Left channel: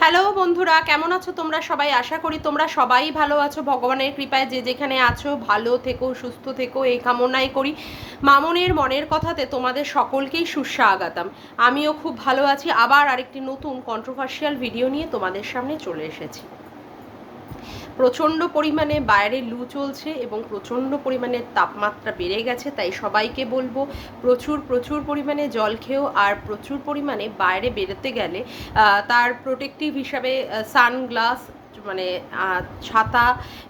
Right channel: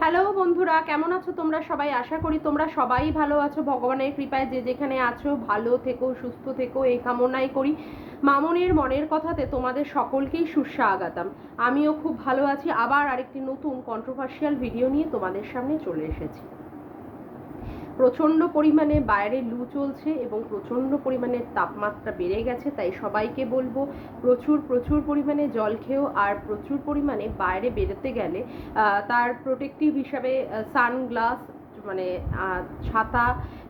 Hello বন্ধুরা, কেমন আছো তোমরা সবাই? আশা করি তোমরা সবাই ভালো আছো। ভগবানের কৃপায় যে যেখানে আছো ভালো থেকো, সুস্থ থেকো, এই কামনাই করি। মামনের মনের কথাতে তোমাদের সকলকেই সুস্বাগতম। আমিও খুব ভালো আছি। আবার আরেকটি নতুন কন্ট্রোভার্সিয়াল ভিডিও নিয়ে তোমাদের সামনে চলে এসেছি। প্রচণ্ড পরিমাণে বাইরে লু চলছে এবং প্রচণ্ড পরিমাণে তাপমাত্রা বেড়ে গেছে, তাই সবাইকে বলবো প্রচুর প্রচুর পরিমাণে জল খেও। আর প্রচুর পরিমাণে বাইরে বেরোতে গেলে তার প্রোটেক্টিভ হিসাবে সানগ্লাস, মানে ছাতা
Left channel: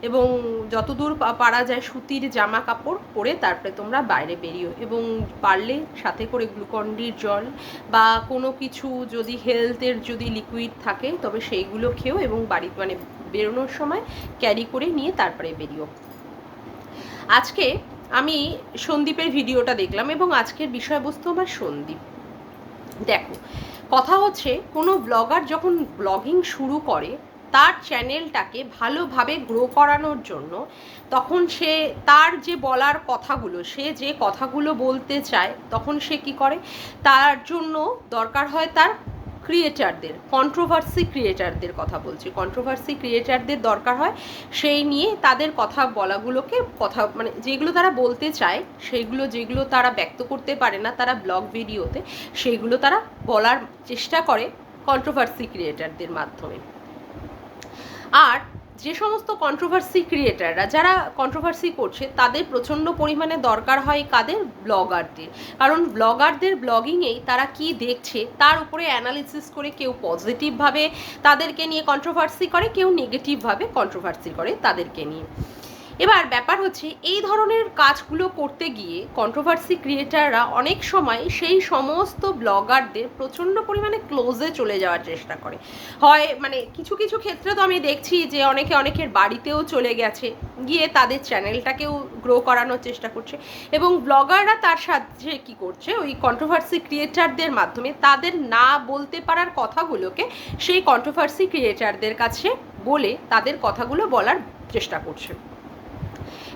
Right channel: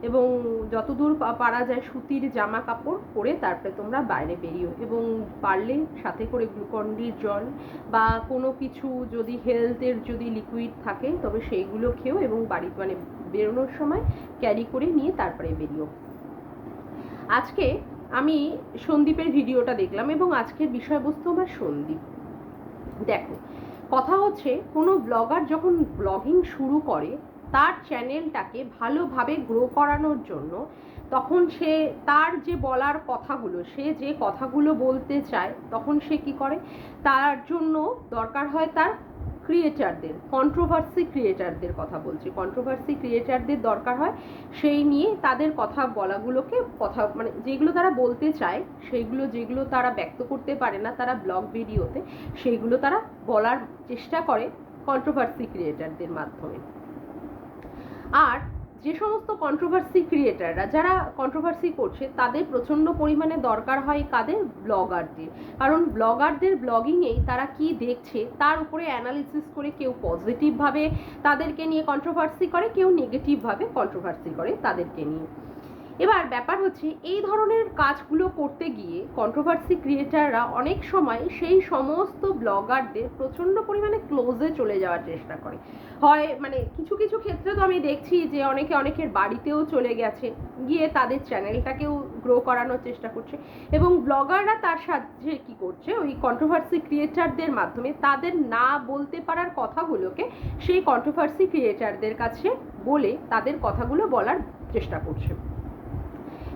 এবং যতদূর পারা যায় সুতির জামা কাপড় পরে তারপরে তোমরা বাইরে বেরিও। এবং পারলে সাথে করে গ্লুকন-ডির জল বা কোনো কিছু যদি হেলথের যদি লিকুইড থাকে তবে সেইগুলো খেও এবং বাড়ি মানে বেরোনোর সময় ক্যারি করে নিয়ে তারপরে বেরিও। আজকে আমি সন্দীপের ভিডিওটা দেখলাম এবং আজকের বিষয়বস্তু আমার সন্দীপ। দেখো, কথা হচ্ছে কোনো ব্লগার যখন ব্লগিং শুরু করে তার চ্যানেলটাকে ভালোভাবে গ্রো করানোর জন্য, তখন সে তার যে বলার কথাগুলো, সে যে কথাগুলো বলতে চায়, তখন সে কি করে, তার জন্য দরকার হয় তার ক্রিয়েটারদের, কন্ট্রোভার্সি ক্রিয়েটারদের কথা বলছি, কন্ট্রোভার্সি ক্রিয়েটারদের দরকার হয়। সেই নিয়ে তাদের কথা বলাগুলোকে কথা মানে যেগুলো তারা বলতে চায়, সেইগুলো যেগুলো তারা ব্যক্ত করতে পারে না তারা ব্লগ ভিডিওতে, সেইগুলো তারা বলার চেষ্টা করে কন্ট্রোভার্সি ক্রিয়েটারদের মাধ্যমে। আর যে সমস্ত কন্ট্রোভার্সি ক্রিয়েটাররা যারা কন্ট্রোভার্সি করছে তাদের প্রচণ্ড পরিমাণে দরকার হয় কাদের? ব্লগারদের। কারণ ব্লগারদের ব্লগিংয়েই তারা কি দেখছে তার উপরে অ্যানালিসিস করে কেউ পজিটিভভাবে তাদেরকে নিয়ে কন্ট্রোভার্সি করে, কেউ নেগেটিভভাবে কন্ট্রোভার্সি করে তাদেরকে নিয়ে। এবার ব্যাপার হচ্ছে এই ধরনের কাজগুলো করতে গিয়ে কন্ট্রোভার্সি ক্রিয়েটাররা অনেক সময় সেই সমস্ত ব্লগারদের প্রচণ্ড পরিমাণে ক্লোজে চলে যাওয়ার চেষ্টা করে। হয় মানে কিছু কিছু ক্ষেত্রে তো আমি দেখছি যে অনেকের বাড়িতেও চলে গেছে, গিয়ে তাদের চ্যানেলটাকেও গ্রো করানোর চেষ্টা করছে। এবং ব্লগাররা তার সাথে কি করছে, ওই কন্ট্রোভার্সি ক্রিয়েটারদের মাধ্যমে তাদের না বলতে পারার কথাগুলোকে সেই কন্ট্রোভার্সি ক্রিয়েটারদের কাছে বলে তাদের কথাগুলো বলার চেষ্টা করছে।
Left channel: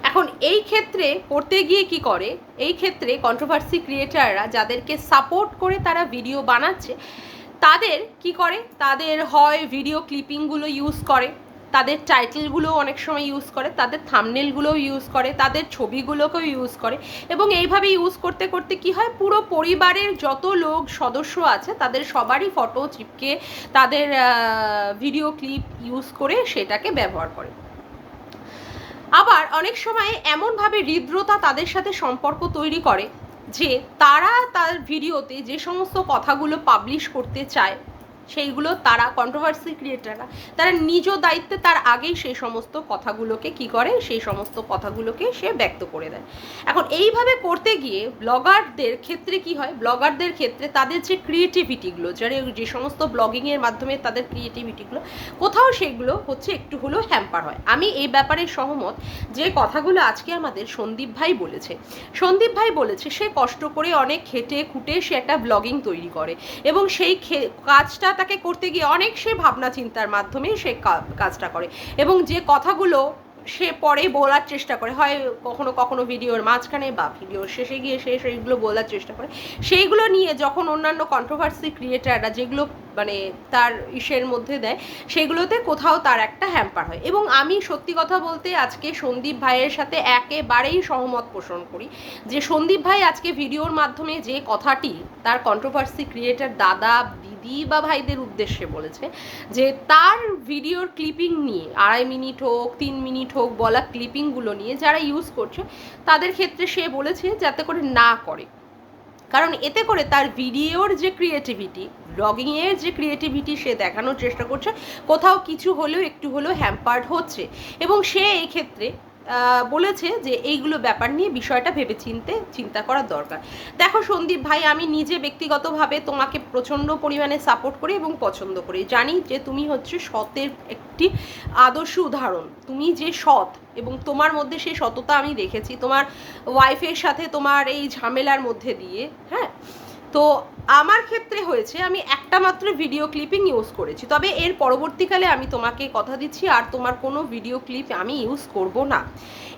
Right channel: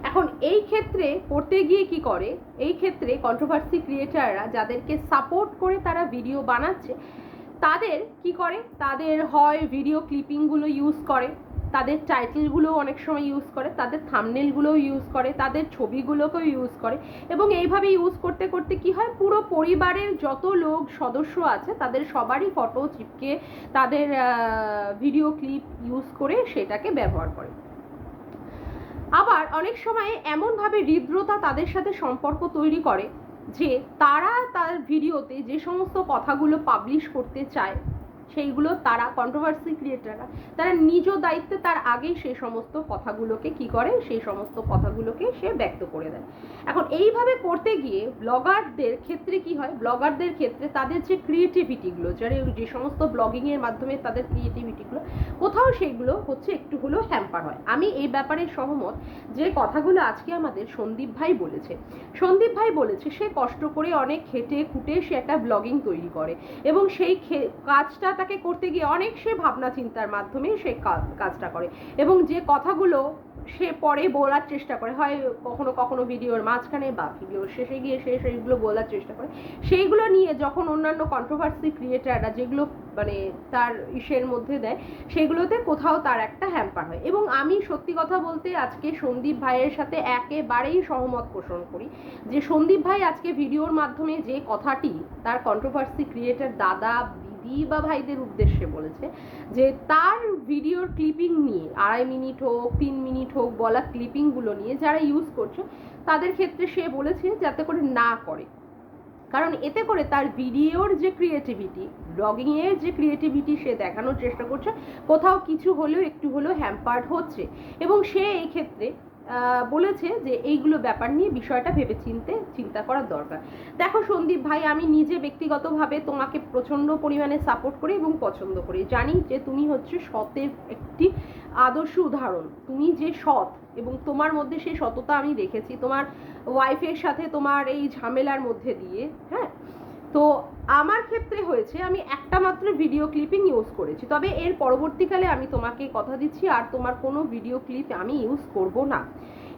এখন এই ক্ষেত্রে করতে গিয়ে কি করে, এই ক্ষেত্রে কন্ট্রোভার্সি ক্রিয়েটাররা যাদেরকে সাপোর্ট করে তারা ভিডিও বানাচ্ছে তাদের কি করে, তাদের হয় ভিডিও ক্লিপিংগুলো ইউজ করে, তাদের টাইটেলগুলো অনেক সময় ইউজ করে, তাদের থাম্বনেলগুলোও ইউজ করে, তাদের ছবিগুলোকেও ইউজ করে। এবং এইভাবে ইউজ করতে করতে কি হয়, পুরো পরিবারের যত লোক সদস্য আছে তাদের সবারই ফটো চিপকে তাদের ভিডিও ক্লিপ ইউজ করে সেটাকে ব্যবহার করে। আবার অনেক সময় এমনভাবে হৃদ্রতা তাদের সাথে সম্পর্ক তৈরি করে যে তারা তার ভিডিওতে যে সমস্ত কথাগুলো পাবলিশ করতে চায় সেইগুলো তারা কন্ট্রোভার্সি ক্রিয়েটাররা তারা নিজ দায়িত্বে তার আগেই সেই সমস্ত কথাগুলোকে কি করে, সেই সমস্ত কথাগুলোকে সে ব্যক্ত করে দেয়। এখন এইভাবে করতে গিয়ে ব্লগারদের ক্ষেত্রে কি হয়, ব্লগারদের ক্ষেত্রে তাদের যে ক্রিয়েটিভিটিগুলো, যে সমস্ত ব্লগিংয়ের মাধ্যমে তাদের ক্রিয়েটিভিটিগুলো কোথাও সেগুলো হচ্ছে একটু হলেও হ্যাম্পার হয়। আমি এই ব্যাপারে সহমত। যে কথাগুলো আজকে আমাদের সন্দীপ ভাই বলেছে, সন্দীপ ভাই বলেছে সে কষ্ট করে অনেক খেটে খুঁটে সে একটা ব্লগিং তৈরি করে এবং সেই কাজটা তাকে করতে গিয়ে অনেক সে ভাবনা চিন্তার মাধ্যমে সে কাজটা করে এবং যে কথাগুলো সে পরে বলার চেষ্টা করে, হয় কখনো কখনো ভিডিওর মাঝখানে বা ভিডিওর শেষে গিয়ে সে সেইগুলো বলার চেষ্টা করে, সেইগুলো নিয়ে যখন অন্যান্য কন্ট্রোভার্সি ক্রিয়েটাররা যেগুলো মানে তার ইসের মধ্যে দেয় সেগুলোতে কোথাও তার একটা হ্যাম্পার হয়। এবং আমি সত্যি কথা বলতে আজকে সন্দীপ ভাইয়ের সাথে একেবারেই সহমত পোষণ করি যে সন্দীপ ভাই আজকে ভিডিওর মাধ্যমে যে কথাটি তার কন্ট্রোভার্সি ক্রিয়েটার দাদা দিদি বা ভাইদের উদ্দেশ্যে বলেছে, যে তার ভিডিওর ক্লিপিং নিয়ে 2.5 মিনিট হোক 3 মিনিট হোক বলা ক্লিপিংগুলো নিয়ে যারা ইউজ করছে তাদের ক্ষেত্রে সে বলেছে যাতে করে না করে। কারণ এতে করে তার ভিডিওর যে ক্রিয়েটিভিটি, ব্লগিংয়ের যে ক্রিয়েটিভিটি সে দেখানোর চেষ্টা করছে কোথাও কিছু হলেও একটু হলেও হ্যাম্পার্ড হচ্ছে। এবং সে এই ক্ষেত্রে বলেছে যে এইগুলো ব্যাপার নিয়ে বিষয়টা ভেবে চিন্তা করার দরকার। দেখো সন্দীপ ভাই, আমি নিজে ব্যক্তিগতভাবে তোমাকে প্রচণ্ড পরিমাণে সাপোর্ট করি এবং পছন্দ করি। জানি যে তুমি হচ্ছে সতের একটি আদর্শ উদাহরণ, তুমি যে সৎ এবং তোমার মধ্যে সেই সততা আমি দেখেছি তোমার ওয়াইফের সাথে তোমার এই ঝামেলার মধ্যে দিয়ে। হ্যাঁ, তো আমার ক্ষেত্রে হয়েছে আমি একটা মাত্র ভিডিও ক্লিপিং ইউজ করেছি, তবে এর পরবর্তীকালে আমি তোমাকে কথা দিচ্ছি আর তোমার কোনো ভিডিও ক্লিপ আমি ইউজ করব না।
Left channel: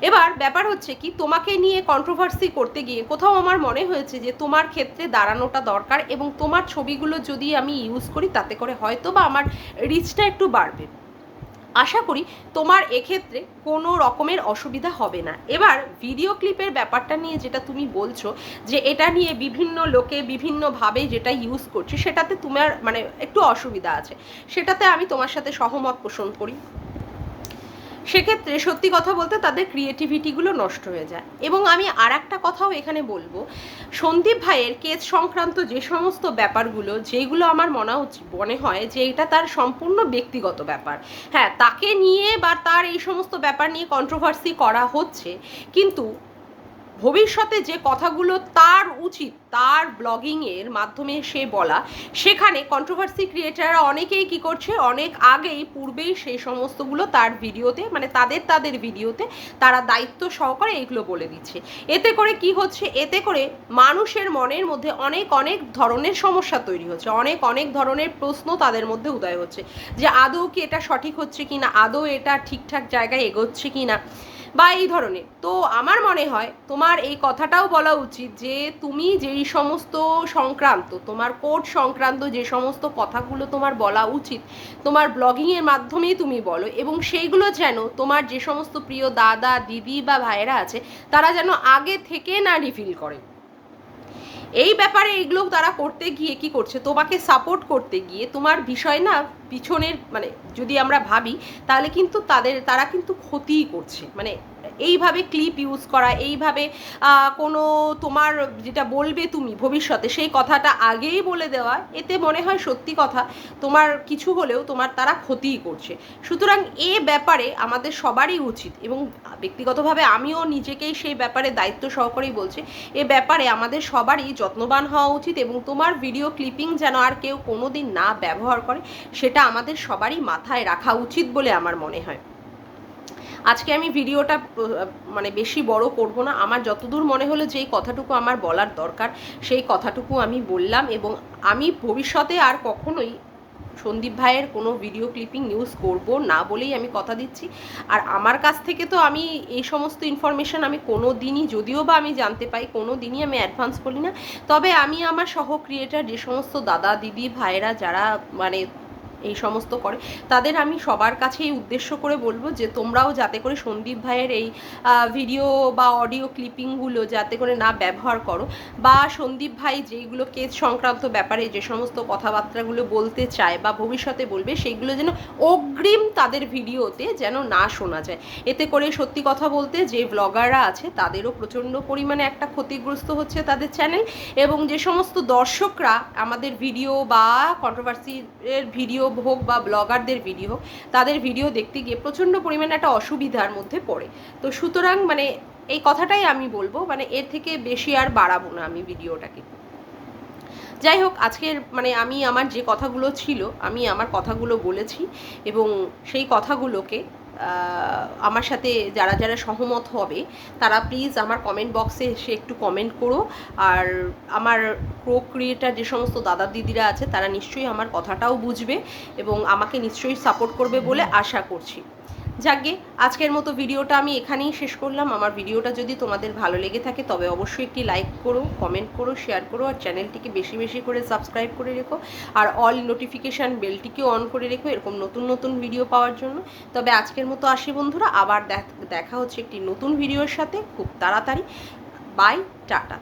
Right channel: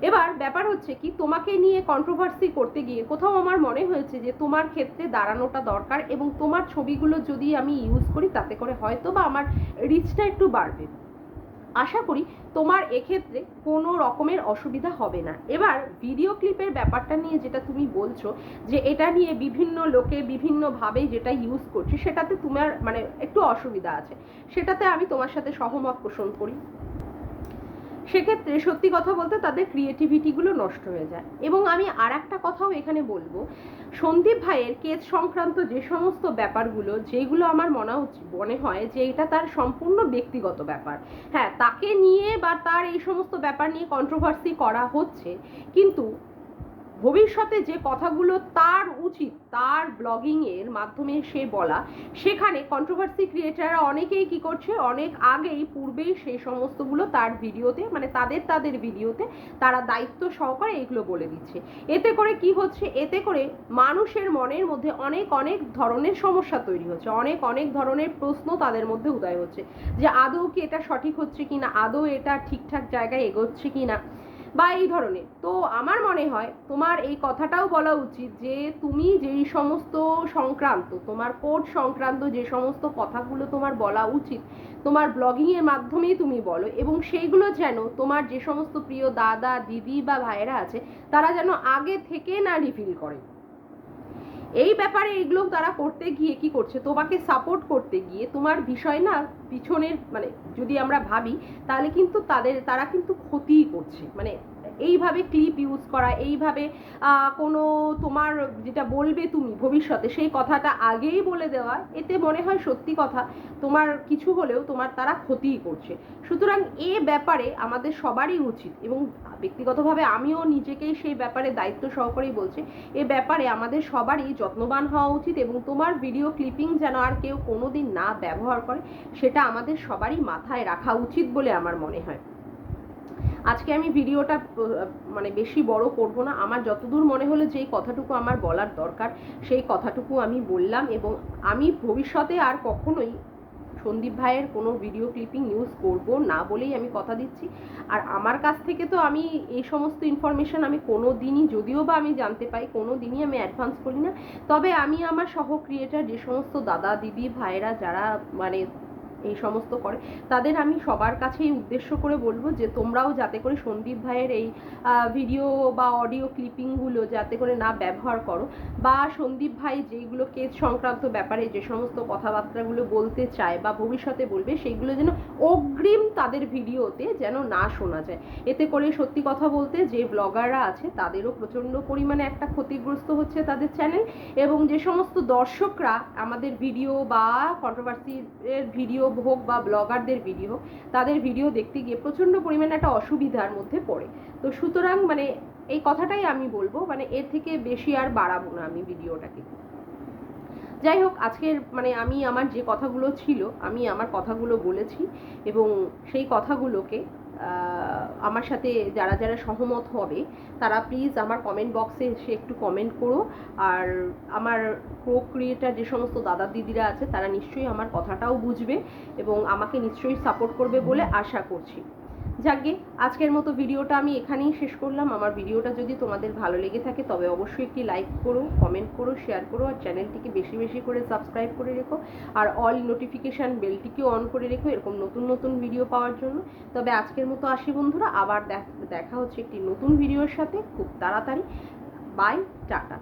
এবার ব্যাপার হচ্ছে কি, তোমাকে নিয়ে কন্ট্রোভার্সি করতে গিয়ে কোথাও আমার মনে হয়েছে যে তোমার ক্ষেত্রে দাঁড়ানোটা দরকার, এবং তোমার ছবিগুলো যদি আমি ইউজ করি তাতে করে হয়তো বা আমার রিচটা একটু বাড়বে। আশা করি তোমার এক্ষেত্রে কোনো রকমের অসুবিধা হবে না। এবার ভিডিও ক্লিপের ব্যাপারটা নিয়ে যেটা তুমি বলছো যে এটা নিয়ে বিভিন্ন লোকে বিভিন্নভাবে যেটা ইউজ করছে, সেটাতে তোমার মানে একটু অসুবিধা আছে, সেটাতে আমি তোমার সাথে সহমত পোষণ করি। সেক্ষেত্রে সত্যি কথা বলতে তাদের ক্রিয়েটিভিটিগুলো নষ্ট হয়ে যায়। এবং আমি আর একটা কথাও এখানে বলবো, সন্দীপ ভাইয়ের কেস সংক্রান্ত যে সমস্ত ব্যাপারগুলো, যেগুলো আমার মনে হয় যে এটা তার সম্পূর্ণ ব্যক্তিগত ব্যাপার। হ্যাঁ, তাকে নিয়ে বা তার এই সমস্ত ব্যাপার নিয়ে কন্ট্রোভার্সি করা হচ্ছে, কিন্তু ভবিষ্যতে যে কথাগুলো তার উচিত তার ব্লগিংয়ের মাধ্যমে সে বলা, সেখানে কন্ট্রোভার্সি ক্রিয়েটাররা অনেকেই কি করছে, অনেক আগেই পূর্বেই সেই সমস্তগুলো তার ভিডিওতে মানে তাদের ভিডিওতে তারা দায়িত্ব সহকারে এগুলো বলে দিচ্ছে। এতে করে কি হচ্ছে, এতে করে মানুষের মনের মধ্যে অনেক ধরনের সমস্যা তৈরি হচ্ছে, অনেক ধরনের প্রশ্ন তাদের মধ্যে উদয় হচ্ছে যে আদৌ কি এটা সঠিক হচ্ছে কি না, আদৌ এটা ঠিকঠাক জায়গায় এগোচ্ছে কি না, বা এই ধরনের। তো আমার মনে হয় তোমার এই কথাটাও বলা উচিত যে তুমি যেই সমস্ত সংক্রান্ত, তোমার কোর্ট সংক্রান্ত যে সমস্ত কথাগুলো তোমার বলা উচিত তোমার ব্লগিংয়ের মাধ্যমেই তুমি বলো, এবং সেইগুলো যেন তোমার যে সমস্ত প্রিয় দাদা দিদি বা ভাইয়েরা আছে তারা যেন আগে থেকে না রিভিল করে। এই ব্যাপারে এইগুলো তারা করতে গিয়ে কি করছে, তোমাকে সাপোর্ট করতে গিয়ে তোমার বিষয় না পিছনের মানে যদি আমরা ভাবি তাহলে কিন্তু তারা কিন্তু ক্ষতিই করছে। মানে এইভাবে ক্লিপ ইউজ করা, এইভাবে কোনো তোমার যেটা বলবে তুমি ভবিষ্যতে সেই কথাটা আগেই বলে দেওয়া, এতে মনে হয় সত্যি কথা তোমার কিছু হলেও তোমার তারা ক্ষতিই করছে। সুতরাং এ ব্যাপারে আমাদের সবারই উচিত, এবং ব্যক্তিগতভাবে আমিও নিজেকেই সেই ব্যাপারে দায়িত্ব সহকারেই বলছি, এ ব্যাপারে আমাদের সবারই যত্নবান হওয়া উচিত, এবং তোমার ভিডিও ক্লিপিং যেন আর কেউ কোনোদিন না ব্যবহার করে সেটা আমাদের সবারই মাথায় রাখা উচিত বলে আমার মনে হয়। আজকে আমি ভিডিওটা মানে বেশি বড় করব না, আমার যতদূর মনে হলো যে এই কথাটুকু আমার বলার দরকার সেই কথাটুকু আমি বললাম, এবং আমি ভবিষ্যতে আর কখনোই সন্দীপ ভাইয়ের কোনো ভিডিও ক্লিপিং ইউজ করব না বলেই আমি কথা দিচ্ছি। আর আমার কাছ থেকে তো আমি এই সমস্ত ইনফরমেশান আমি কোনো দিনই, যদিও বা আমি জানতে পাই, কোনো দিনই আমি অ্যাডভান্স করি না। তবে আমি আমার সহ ক্রিয়েটার যে সমস্ত দাদা দিদি ভাইয়েরা যারা মানে এই সমস্ত করে তাদের আমি সবার কাছেই উদ্দেশ্য করে বলবো যে তোমরাও যাতে করে সন্দীপ ভাইয়ের এই ভিডিও বা অডিও ক্লিপিংগুলো যাতে করে না ব্যবহার করো, বা সন্দীপ ভাই যেইগুলো কেস সংক্রান্ত ব্যাপারে যে সমস্ত কথাবার্তাগুলো বলতে চায় বা ভবিষ্যতে বলবে সেইগুলো যেন অগ্রিম তাদের ভিডিওতে যেন না শোনা যায়। এতে করে সত্যি কথা বলতে যে ব্লগাররা আছে তাদেরও প্রচণ্ড পরিমাণে একটা ক্ষতিগ্রস্ত হচ্ছে তাদের চ্যানেল, এবং যে সমস্ত দর্শকরা আমাদের ভিডিও বা কন্ট্রোভার্সির ভিডিও হোক বা ব্লগারদের ভিডিও হোক তাদের ভিডিও দেখতে গিয়ে প্রচণ্ড পরিমাণে একটা অসুবিধার মধ্যে পড়ে। তো সুতরাং মানে এই কথাটাই আমি বলবো, মানে এর থেকে বেশি আর বাড়াবো না আমি ভিডিওটাকে। যাই হোক, আজকের মানে আমি আমার যে কথাগুলো ছিল আমি আমার কথাগুলো বলেছি, এবং সেই কথাগুলোকে আমার সাথে যারা যারা সহমত হবে তারা প্লিজ আমার কমেন্ট বক্সে এসে একটু কমেন্ট করো। আর আমার প্রো ক্রিয়েটার যে সমস্ত দাদা দিদিরা আছে তারা নিশ্চয়ই আমার কথাটাও বুঝবে এবং আমাকে নিশ্চয়ই সাপোর্ট করবে বলে আশা করছি। যাকগে, আজকের মতো ভিডিওটা আমি এখানেই শেষ করলাম। আমার ভিডিওটা যদি তোমাদের ভালো লেগে থাকে তবে অবশ্যই একটি লাইক করো, কমেন্ট করো, শেয়ার করো, আর চ্যানেলটিকে বেশি বেশি করে সাবস্ক্রাইব করে রেখো, আর অল নোটিফিকেশান বেলটিকেও অন করে রেখো এরকম নতুন নতুন ভিডিও পাওয়ার জন্য। তবে আজকের মতো আসি বন্ধুরা, আবার দেখা হচ্ছে একটি নতুন ভিডিওর সাথে খুব তাড়াতাড়ি। Bye, tata.